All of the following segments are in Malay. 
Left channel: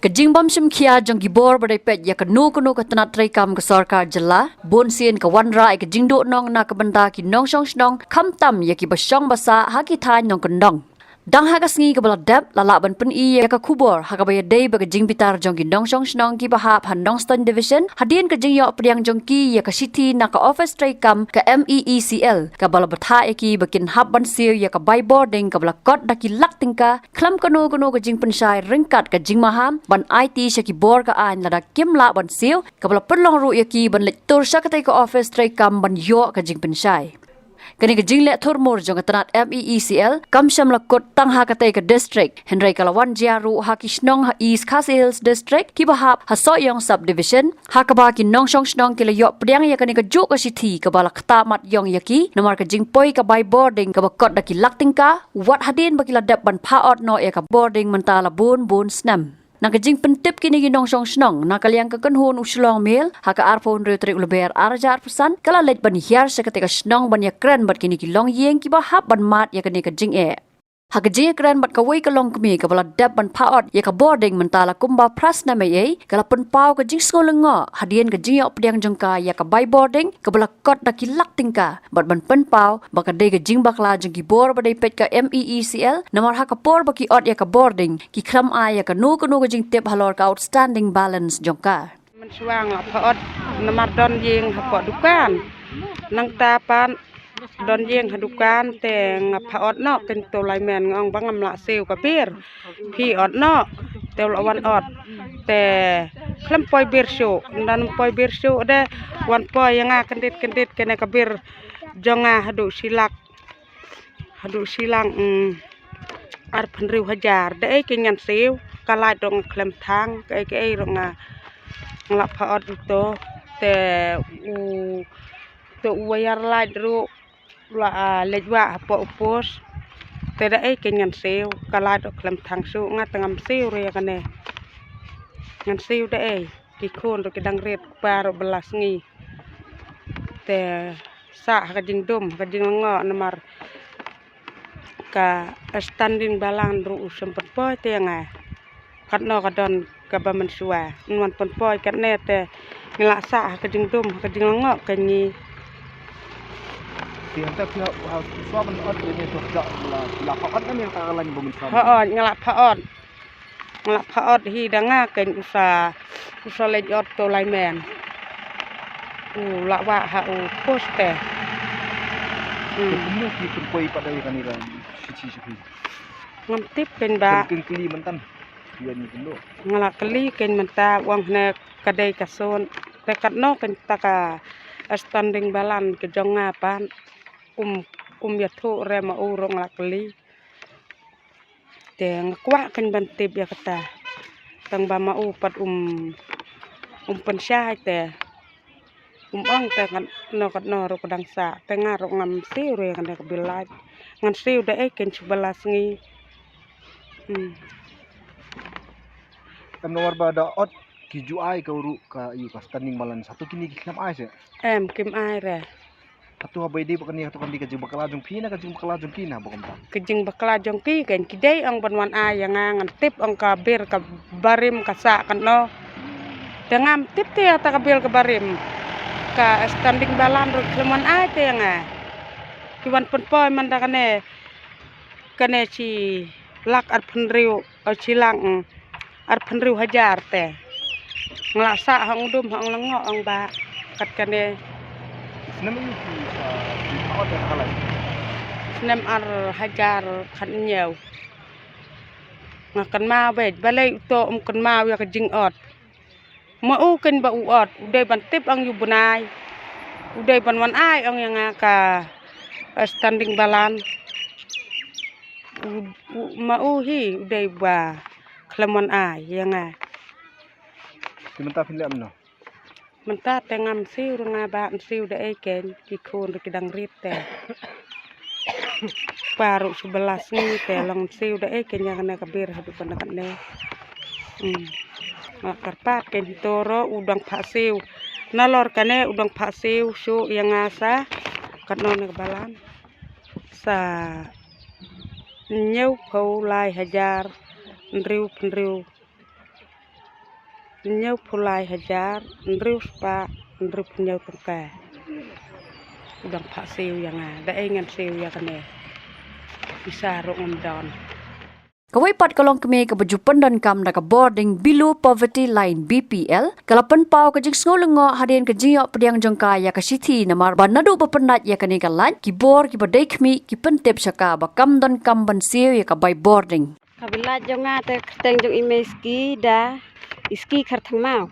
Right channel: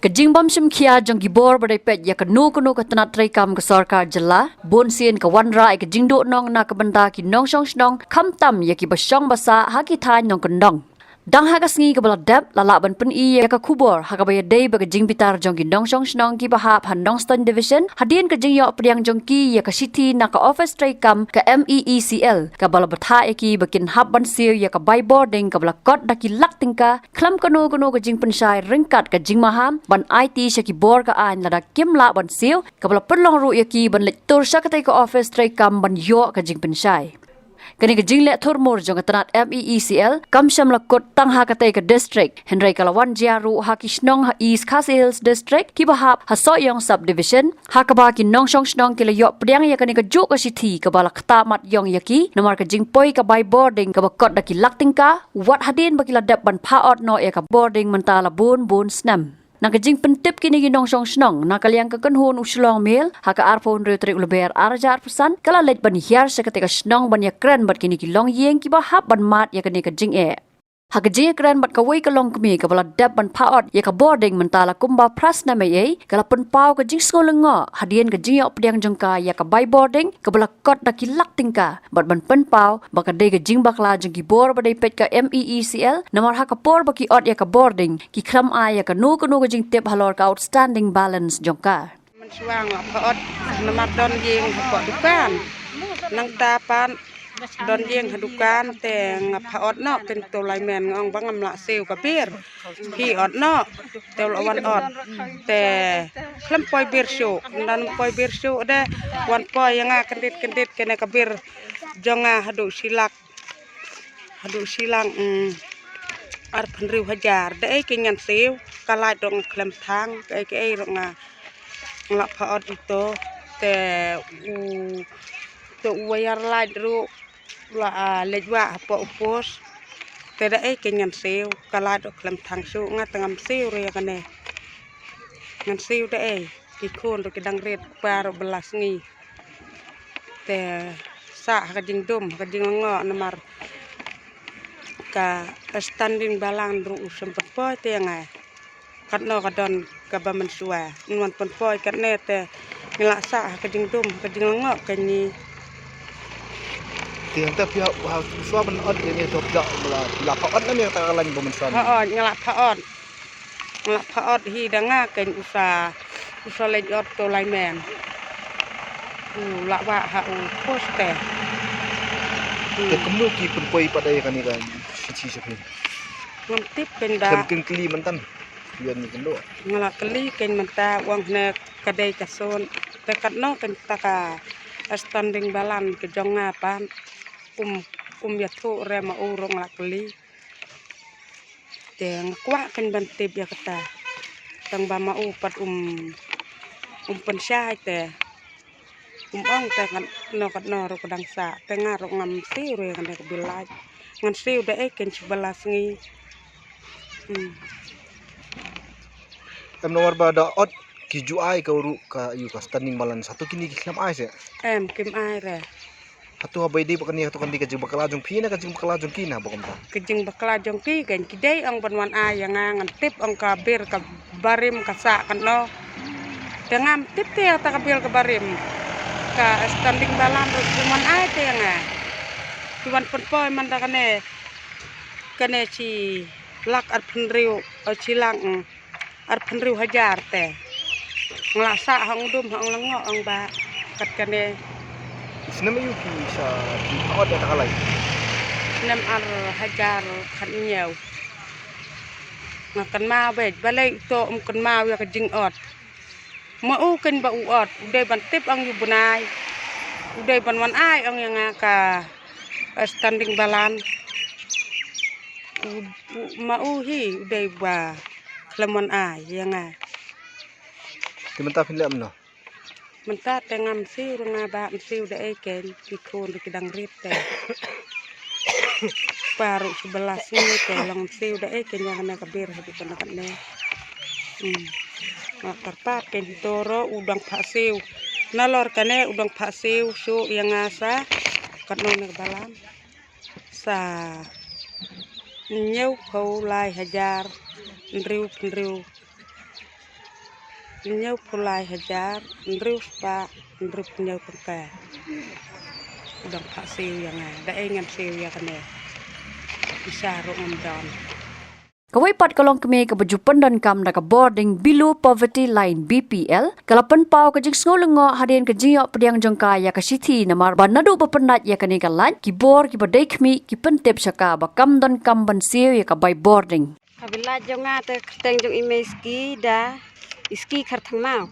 Kejimbam Shimkia jong gibor badai pet ya kanu ketanat traikam ke sarkar jela bon sien ke wanra ke jingdo nong na ke benda ki nong shong shnong kham tam ya ki basong basa ha ki thai nong kendong dang ha ka sngi ke bala dap lala ban pen I ya ka kubor ha ka bay dei ba ke jing bitar jong ki nong shong shnong ki bahap han nong ston division hadien ke jing yo priang jong ki ya ka city na ka office traikam ke MEECL ka bala batha ya ki bakin hab ban sir ya ka by boarding ka bala kot da ki lak tingka khlam kanu ke jing penshai ringkat ke jing maham ban IT shaki bor ka an lada kimla ban siu ka bala perlong ru ya ki ban lek tur shakatai ka office traikam ban yo ka jing penshai kani ke jingle thormor jong tanat MEECL kamsham lakot tangha katai ke district henry kalawan jiaru hakishnong ha east khasi hills district ki bahap ha soyong subdivision hakaba ki nong shong shnong ki layo priang ya kani ke juk ka sithi ka bala khata mat yong yaki namar ke jingpoi ka by boarding ka bakot da ki laktingka wat hadin bakila dap ban phaot no ya ka boarding mentala bun snam Nakajing pentip kini ginong song snong nakaliang kekenhun uslong mil haka arpon retrik leber arjar pesan kala let ban hiar seketika snong ban ya kran bat kini kilong yeng ki bahap ban mat ya kini kajing haka jing kran bat kawai kalong kemi ka bala dap ban paot ya ka boarding mentala kumba prasna mei kala pen pau ka jing skolenga hadien ka jing op diang jongka ya ka by boarding ka bala kot da kilak tingka bat ban pen pau baka de ka jing bakla jong ki bor badai pet ka MEECL namar haka por baki ot ya ka boarding ki khram a ya ka nu ka jing tip halor ka outstanding balance jongkaมันช่วงพอดนมาดอนยิงพอดุการนังตาปานดอนยิงดุการแต่พอดนอกเป็นตัวไลแมนงบังอำละเซลกับเบียร์พี่อดนอกแต่ละวันอดแต่คลำปอยเบียร์โชดันปอยเบียร์โชได้วันปอยยังกันเด็ดกันในกับเบียร์จงหดุศิลังอาร์พันริวหจาร์ได้กินยันเซลกลายตรงคลำทางไอ้ตรงngak paot itu te tu wayar light ru la lejwa apa upos te da kenyan seu kala dok lem thang su nga tangam seu re kane ngan seu da ki khon to kedang ret paro belas ngi te sa ka jing dum ka jing ngo namar ka standing balang ru sempet po te nga kat no kadon ka ba man suwa man pon poi kat ne te ngelaksa ka jing dum ka jing ngok ka ni tiang ta pia suwa ban od ni to ja la ka od ni ka lan bo man suwa ngelak paot hi danga ken usa le ot to lai men la wa ha poste ke temu ki pun poi padai kan ni kan si ngantip ben ba ken kli man tan yan ni kendo ngalak keli ken menta wang ne kadai kason tekat no ken taka standing balan ke jonga pan ya thu re ma urong lak keli teng kwa ken bantip ya kata tang ba ma u pat pen syai te ong te kan no kat no ro kadang sa tenga ro ngam siu re kan ke bilaj ngan siu de ken 11 ngi nomor bada ot ki ju ai ka uru ka yu ka standing balan satu kini ki kham ai se kim ai re atu habai di bakani atu kan di ka jing bakala jong phi na ka jing bakala jong ki na bakam ta ke jing bakala jong ki ken ki dei ang banwan ai yang ngan tip ang ka ber ka barim ka sa kan no dengan tip te ta ka ber ka barim ka standing balan ro man ai te nga ki wan pen poi man da kane si lak at pen riu chilang arpan riu hajar te nglasa hang dum hang lengo ang ba kat kane senam yu ki sa ki od da kalai nem ar hajar khan nyeu ngakan ma wej balai to kan ma ya ka jing ot ma u ken ba u ot dei ban tip ang yu bunai dei ban wan ai ang yang ka standing balan ma u hi dei ba klemon ai yang kimenta philem no menta tengam siu nga ba siu de ken ki khon de kedang rit te paru 11 ni te long siu de ken yang na kabir habi kan ne karpat ken toro udang pha siu nalor kane udang pha siu su yang asa katno ne balam sa nyeu phau lai hajar riu Penyau pulai hajar, Andrew Spa, Andrew penyau tengka. Udang tak siu yang ada ingat siu yang kena. Bisa rong dan. Kawai pat kalong kami ka bajupan dan kam na ka boarding below poverty line BPL kalapan pau ka jing sngolengo hadin ka jingyo pediang jongka ya ka sithi namar banadu bapenat ya kani kalan ki bor ki badai khmi ki pentep saka bakam dan kam ban siu ya ka by boarding. Kabila jonga te keteng jong imeski da iski kharthang mau.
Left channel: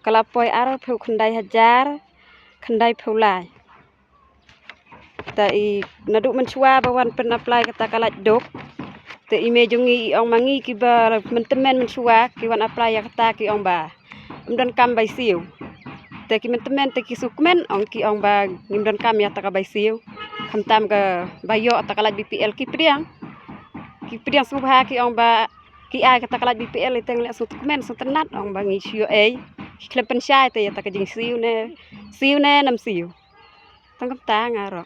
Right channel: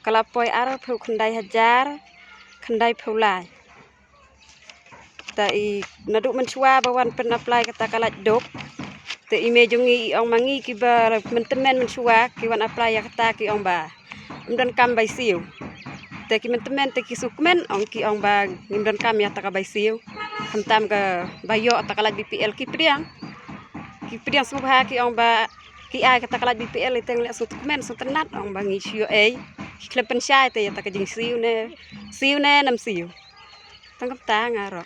Kalapoi ar pheu khandai hajar, khandai pheulai. Ta I nadu menchua bawan pen apply kata kalat dok. Te ime jongi ong mangi ki ba mentemen menchua ki wan apply ya kata ki ong ba. Imdan kam bai siu. Te ki mentemen te ki sukmen ong ki ong ba imdan kam ya ta ka bai siu. Hamtam ka bayo ta kalat BPL ki priang. Ki priang subha ki ong ba ki ai kata kalat BPL iteng lek sukmen sutenat ong bangi siu klem pensyai te ya ta ka jing siu ne nam siu. Tang ta ngaro.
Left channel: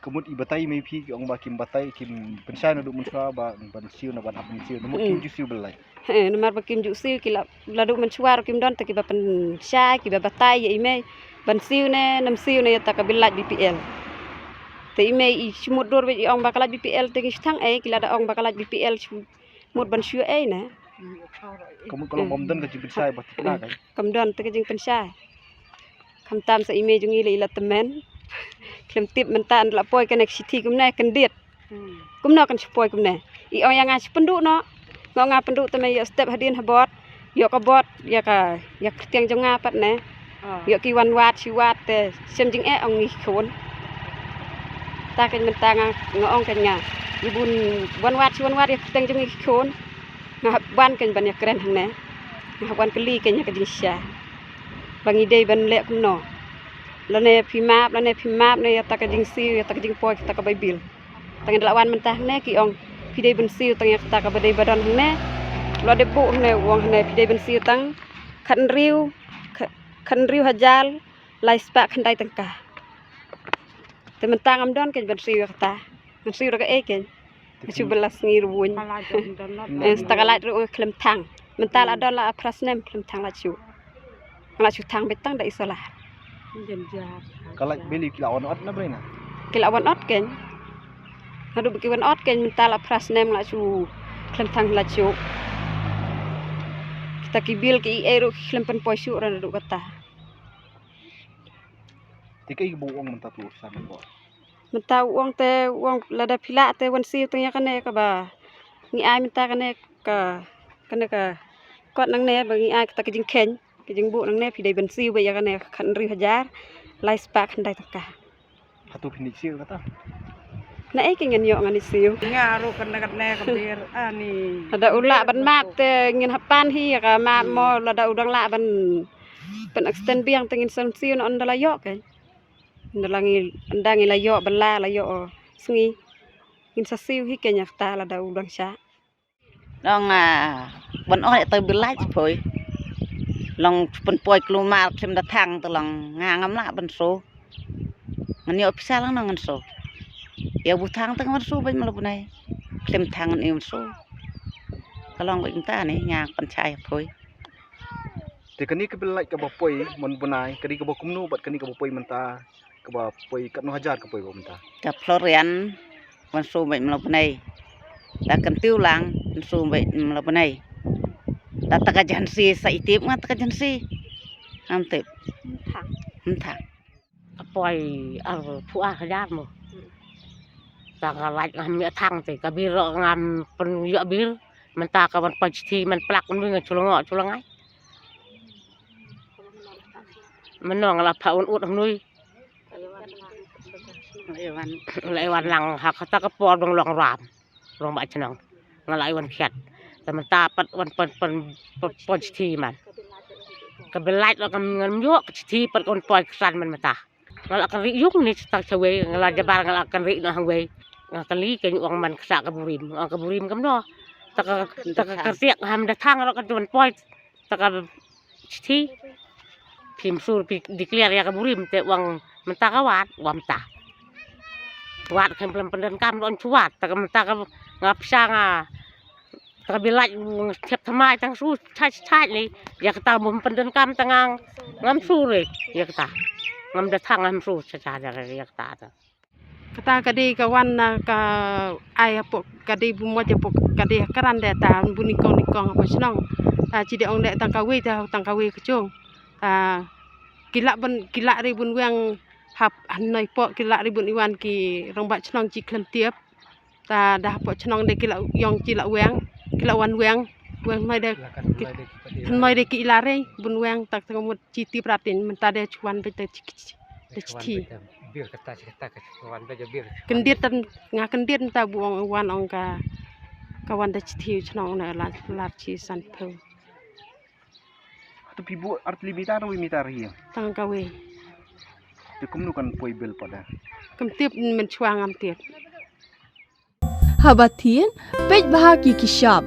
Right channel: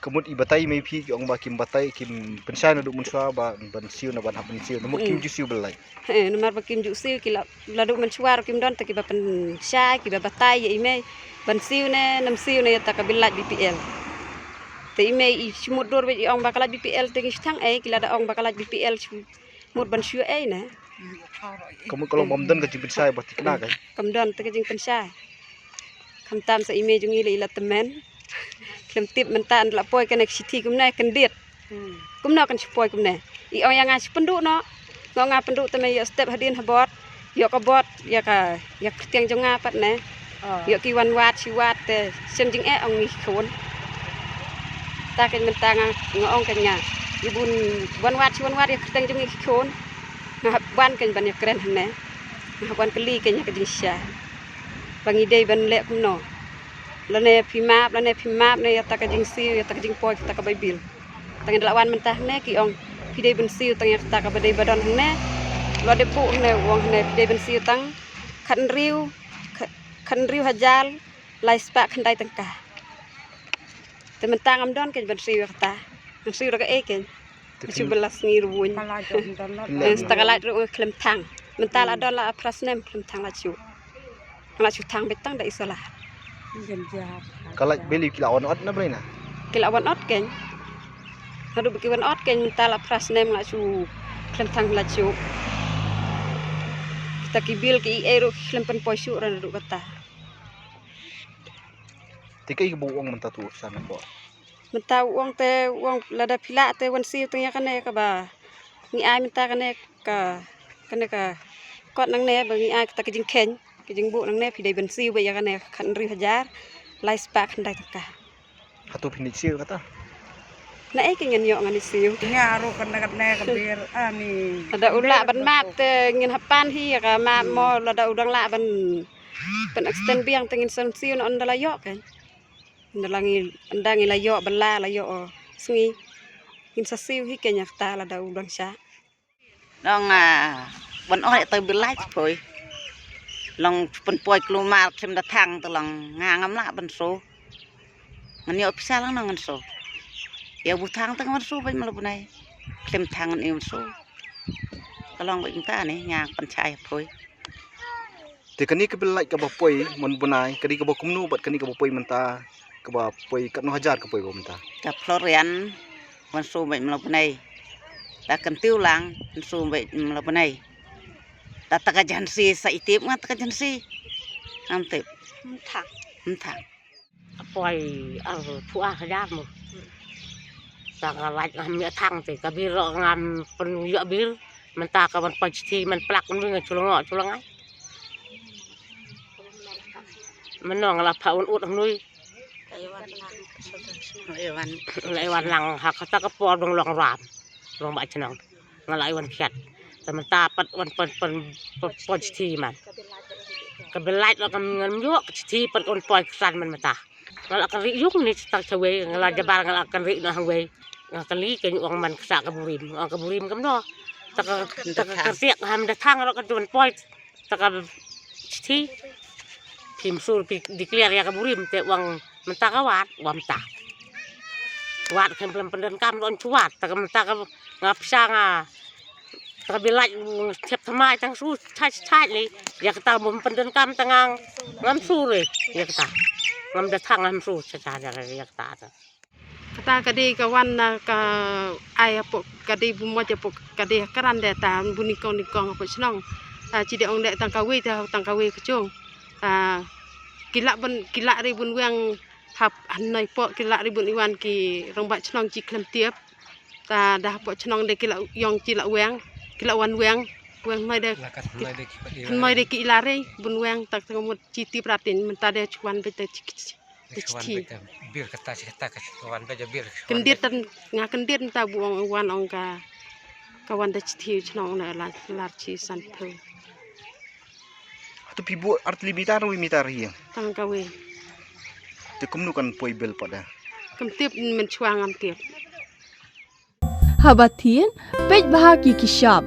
Kemut ibatai mai phi ki ong ba kim batai kim pensai na du mun swa ba ban siu na ban apen siu namut kim ju siu belai. Namar bakim ju siu ki la du menchuar kim don te ki ba pensyai ki ba batai ya ime ban siu ne nam siu ne ya ta ka bilat BPL. Te ime I chumut dor be ong ba kalat BPL te ki thang ki la da ong ba kalat BPL mut ban siu na. Kemut kalau mamdan ka jing pensai ba tikna kai. Kam don te ka jing pensyai. Kam tam sa ime jungi le ila temen. Klem tip mentan la poi kena sithi kumna kendiet. Kumna kan poi kumna. I ong yang ngas penduk no. Nga penduk teme ya step hadin habot. Yo ka bot ya tiang jonga pat ne. Yo ki wan wat si wat te sem jing ong ni khon. Ta kan mentang ngong kan nya. Ibun wan wat si wan wat ya tiang jongi khon. Nga ban kan ban ya keren ne. Nga ban keli kan ya ka jing sya. Bangi dei ban lek no. Lane phimap ne ya ta ka jing siu ya ta ka jing poi ta ka bai bil. Tang delawan mentah ne ki ong pidei ben siu tang ya ta ka badai badan ne. Lo de bu ne wong ne pidei ben siu tang khan riu hajal lai spa khandai tangka. Te mentang am don ken ben siu ta. Ben siu ka ken. Chu belas ngir wuny. Stakalat ru klem tang. Mental adon la prasnem klem tang la chu. La chu tang betang da isola. Kalak beli kilawan ot na brena. Kilawan ot ken. Hadu bikiwan ot ken mentala prasnem la chu klem tang la chu. Kita kibil ki eru klem pen poisu ran du kata. Tikai bu ong menta tu sana ko. Menta uang te uang lada pila te wan siu tanya kane ka ba. Ngi ai menta kane ka kot nang ne ba ngi ai kita kijing ken. Kijing bu nang ne pidai ben siu ba ya kane khan riu hajar. Lai spa khandai taka. Hatu pindik siu kata. Na kengen yo ngani siu. Ngaru kena ka bir ani. Ada ula ban map te ngin hapan hi ka map mo lada udang la ban pen extend biang tengin son siu no andala yo kan. Ndalangi andangi la yo bala la yo sngi. Ngin sa siu hi kenya ta lada udang sya. Dong ban oi te bilai phoi. Long pen poi klumal kem da thang to lang ngam la ban so. Ngani opisa lang ngan so. Ya bu thang tang ban so ban mal bunai. Kem thang ni so. Kalong bai ta ni nya pan chai phoi. Te kani ke belai ka ba poi mon bunai kadi ka ba kumnu bat kani ka ba poi menta ka ba poi kat no hajar ka poi ba menta. Ta florian ban so bai mal bunai. Da kan tiu lang ban so bai mal bunai. Da ta ka jansi sa itip nga ta ka jansi. Am tip. Thang. Poi ar pu a hajar mo. Ta ka laj ngam mi thang te ka bir ngam pen yo bir menta ka ban pasti man plak mun nga chulang ai. Menong la paun ut nui. Lai wan lang hak ta ka por dong long ram. Long ba chnang. Ngalai wan khat. Ta menta pat wan pen pasti man. Ka belai lo kam ngam yo pasti pat kon poi kran man menta. Ngala kan ri yung ni tak chwe ngala jabar ngala kan ri na we. Ngakali ke uang man ksa ka burim kam no. Ta ka siak ham da thang lo ka don poi ta ka pasti Pim sur declare ya ka burim te uang menta ka wat wam ta. Wat kan pelem pendan kam don cuat ta ka menta ka ngapsa nga kabilat tiap thamai tang su chai le ya kata mun pendan kam tangang ngam su le ya kata ngam datang ngam su cha ya kata kata kadi kawan ka ai pok kadi bumo je pok kadi karan de ta bunikong apa senang cide ong de tang kawe kecung kilak ribun wang hap hanai pok kilak ribun iwan ki rombat senang ci klem tiap ta dah pok senang de kilak yong cilak wang kilak wan wang mai de mai de ki ilare bun wang tak tengomut citi pratin menta de cuan bete citi bir kata kawan baca bir kendir tan nga kendir ta buang wan ongka kawan da citi senang na lar ci san po Tu pibu artli bitar wi mitar hiang. tang kawe Te kumnu kan poi bel pada. kem tiap men chuang am tiap Habatin, pej bahagi ki sharp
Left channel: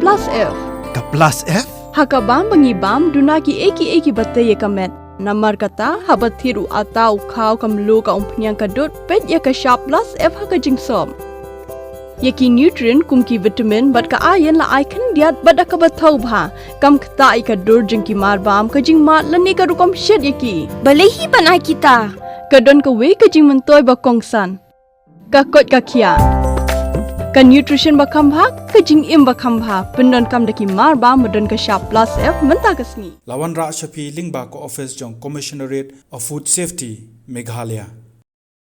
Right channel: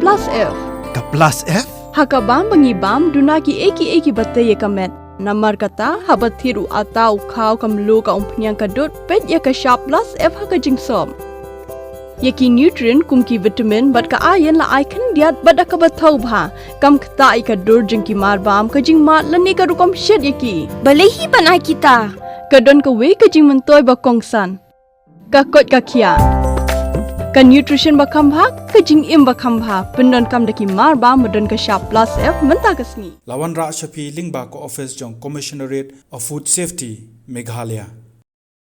plus F. Ka plus F? Hakabam bangibam dunaki eki batay kamet. Namar kata habatiru atau kau kamlu ka umpnyang kadut pej ya ka sharp plus F haka jingsom. Yaki nutrient kumki vitamin bat ka ayan la ai kan diat bat ka bathau bha kam kta ai ka dur jingki marbam ka jing mat lani ka rukom shed yaki. Balehi banai kita. Kadon ka we ka jing mentoy ba kongsan. Ka kot ka kia. Ka nutrition bakam bha ka jing im bakam bha pendon kam daki marba medon ka sharp plus F menta kasni Lawan Ra Shafi Lingba ko office jong Commissionerate of Food Safety Meghalaya.